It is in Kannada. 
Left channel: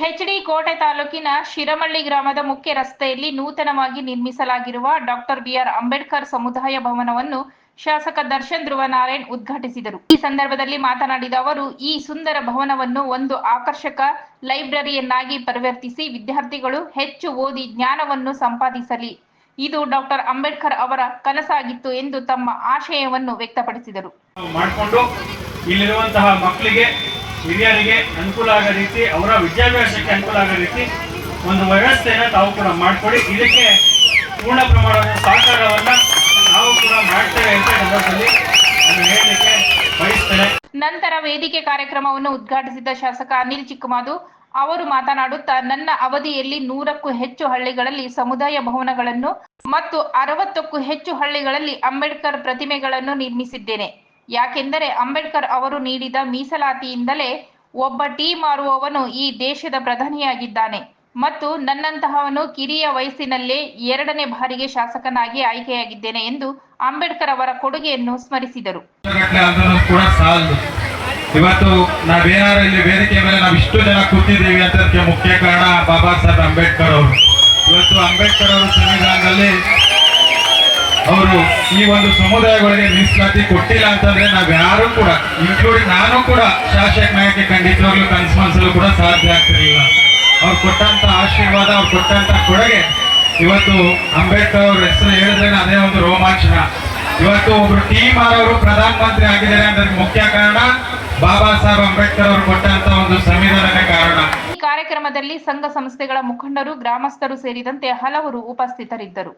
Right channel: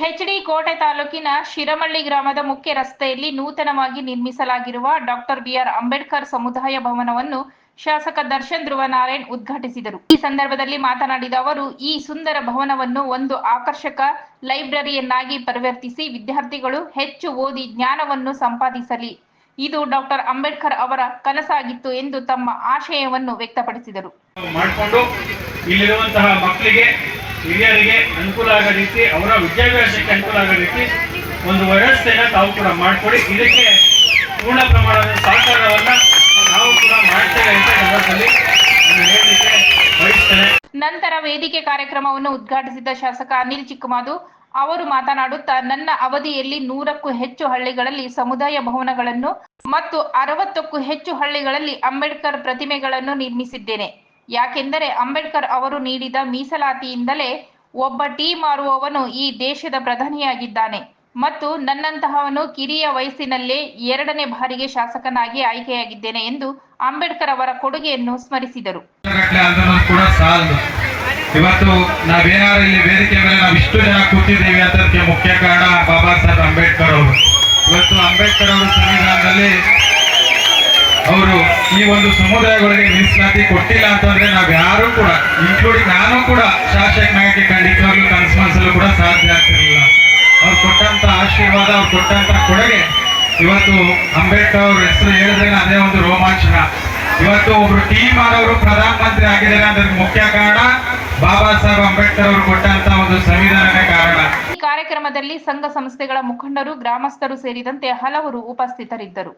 ಹೆಚ್ಡಿ ಕೋಟೆ ತಾಲೂಕಿನ ಶಿರಮಳ್ಳಿ ಗ್ರಾಮದ ಮುಖ್ಯ ರಸ್ತೆಯಲ್ಲಿ ನೂತನವಾಗಿ ನಿರ್ಮಿಸಲಾಗಿರುವ ಡಾಕ್ಟರ್ ಬಿಆರ್ ಅಂಬೇಡ್ಕರ್ ಸಮುದಾಯ ಭವನವನ್ನು ಶಾಸಕ ದರ್ಶನ್ ಧ್ರುವ ನಾರಾಯಣ್ ಉದ್ಘಾಟಿಸಿದರು. ಈ ಸಂದರ್ಭದಲ್ಲಿ ಮಾತನಾಡಿದ ಅವರು, ಈ ಸುಂದರ ಭವನವನ್ನು ಒಂದು ಆಕರ್ಷಕ ಲೈಬ್ರರಿಯನ್ನಾಗಿ ಪರಿವರ್ತಿಸಿ ವಿದ್ಯಾರ್ಥಿಗಳು ಹೆಚ್ಚು ಓದಿ ಜ್ಞಾನವನ್ನು ಸಂಪಾದಿಸಲಿ. ಇದು ಡಾಕ್ಟರ್ ಅಂಬೇಡ್ಕರ್ ಅವರ ಕನಸಾಗಿತ್ತು ಎಂದು ತಮ್ಮ ಆಶಯವನ್ನು ವ್ಯಕ್ತಪಡಿಸಿದರು. ಮಕ್ಕಳಿಗೆ ಹಿರಿಯರಿಗೆ ಅನುಕೂಲ ಆಗೋ ರೀತಿ, ಅವರ ವಿದ್ಯಾಭ್ಯಾಸಕ್ಕೆ ಅನುಕೂಲ ಆಗೋ ರೀತಿ ಒಂದು ವ್ಯವಸ್ಥೆನ ತಾವು ಕೂಡ ಮಾಡಿಕೊಡಿ. ಇದಕ್ಕೆ ಪೂರ್ಣ ಪ್ರಮಾಣದ ಸಹಕಾರವನ್ನು ನಾವು ಕೂಡ ಮಾಡ್ತೇವೆ ಅಂತ ಸಂದರ್ಭದಲ್ಲಿ ನಾನು ಹೇಳಲಿಕ್ಕೆ ಬಯಸ್ತೇನೆ. ನಂತರ ವೇದಿಕೆ ಕಾರ್ಯಕ್ರಮವನ್ನು ಉದ್ಘಾಟಿಸಿದ ಶಾಸಕ ಅನಿಲ್ ಚಿಕ್ಕಮಾದು ಅವರು ಮಾತನಾಡುತ್ತಾ, ನನ್ನ ಅವಧಿಯಲ್ಲಿ ನೂರಕ್ಕೂ ಹೆಚ್ಚು ಹಳ್ಳಿಗಳಲ್ಲಿ ಸಮುದಾಯ ಭವನಗಳನ್ನು ಮತ್ತು ಅರವತ್ತಕ್ಕೂ ಹೆಚ್ಚು ಹಳ್ಳಿಗಳಲ್ಲಿ ಅಂಬೇಡ್ಕರ್ ಪ್ರತಿಮೆಗಳನ್ನು ನಿರ್ಮಿಸಿದ್ದೇನೆ. ಯಾಕೆಂದರೆ ಅಂಬೇಡ್ಕರ್ ಅವರು ನೀಡಿದ ಮೀಸಲಾತಿಯಿಂದಲೇ ಒಬ್ಬ ಟೀ ಮಾರುವವನು ಈ ದೇಶದ ಪ್ರಧಾನಿಯಾಗಿದ್ದಾನೆ. ಮತ್ತು ನನ್ನಂತಹವನು ಕಿರಿಯ ವಯಸ್ಸಿನಲ್ಲೇ ಎರಡನೇ ಬಾರಿಗೆ ಶಾಸಕನಾಗಿ ಆಯ್ಕೆಯಾಗಿದ್ದೇನೆ ಎಂದು ಅಂಬೇಡ್ಕರ್ ಅವರ ಕೊಡುಗೆಯನ್ನು ಸ್ಮರಿಸಿದರು. ಇವತ್ತು ನಾವೇನಾದ್ರು ಇಲ್ಲಿ ವೇದಿಕೆ ಮೇಲೆ ನಾವು ಇಷ್ಟು ಜನ ಕೂತಿದ್ದೀವಿ ಅಂತದಕ್ಕೆ ಮುಖ್ಯ ಕಾರಣ ಬಾಬಾ ಸಾಹೇಬ್ ಅಂಬೇಡ್ಕರ್ ಅವರು. ಇವತ್ತು ಅಂಬೇಡ್ಕರ್ ಅವರು ಸಂವಿಧಾನದಲ್ಲಿ ಅವರು ಈ ಒಂದು ಸಮುದಾಯಗಳಿಗೆ ಮೀಸಲಾತಿ ಕೊಟ್ಟಿಲ್ಲ ಅಂತಂದ್ರೆ ನಾವು ಯಾರು ಕೂಡ ಇನ್ಕ್ಲೂಡಿಂಗ್ ನಾನು ಕೂಡ ಶಾಸಕನಾಗಕ್ಕೆ ಖಂಡಿತವಾಗ್ಲೂ ಕನಸು ಮನಸ್ಸಲ್ಲೂ ಕೂಡ ಸಾಧ್ಯ ಆಗ್ತಿರಲಿಲ್ಲ. ಅವ್ರು ಕೊಟ್ಟಂತ ಆಶೀರ್ವಾದ, ಅವ್ರು ಕೊಟ್ಟಂತ ಕೊಡುಗೆ, ಇವತ್ತು ಅಂಬೇಡ್ಕರ್ ಅವ್ರ ಹೆಸರು ಹೇಳಿದ್ರೆ ಅದೇ ಒಂದು ರೋಮಾಂಚನ. ಇವತ್ತು ಒಬ್ರು ಟೀಮ್ ಅವರು ಪ್ರಧಾನ ಮಂತ್ರಿ ಆಗಿದ್ದಾರೆ ಅಂದ್ರೆ ಮುಖ್ಯ ಕಾರಣ, ಬಾಬಾ ಸಾಹೇಬ್ ಅಂಬೇಡ್ಕರ್ ಅವರು ಕೊಟ್ಟಂತ ಒಂದು ಸಂವಿಧಾನದ ಕಾರಣ. ಈ ಕಾರ್ಯಕ್ರಮದಲ್ಲಿ ಸಂಘ ಸಂಸ್ಥೆಗಳ ಮುಖಂಡರು, ಗ್ರಾಮಸ್ಥರು ಸೇರಿದಂತೆ ಹಲವರು ಉಪಸ್ಥಿತರಿದ್ದರು.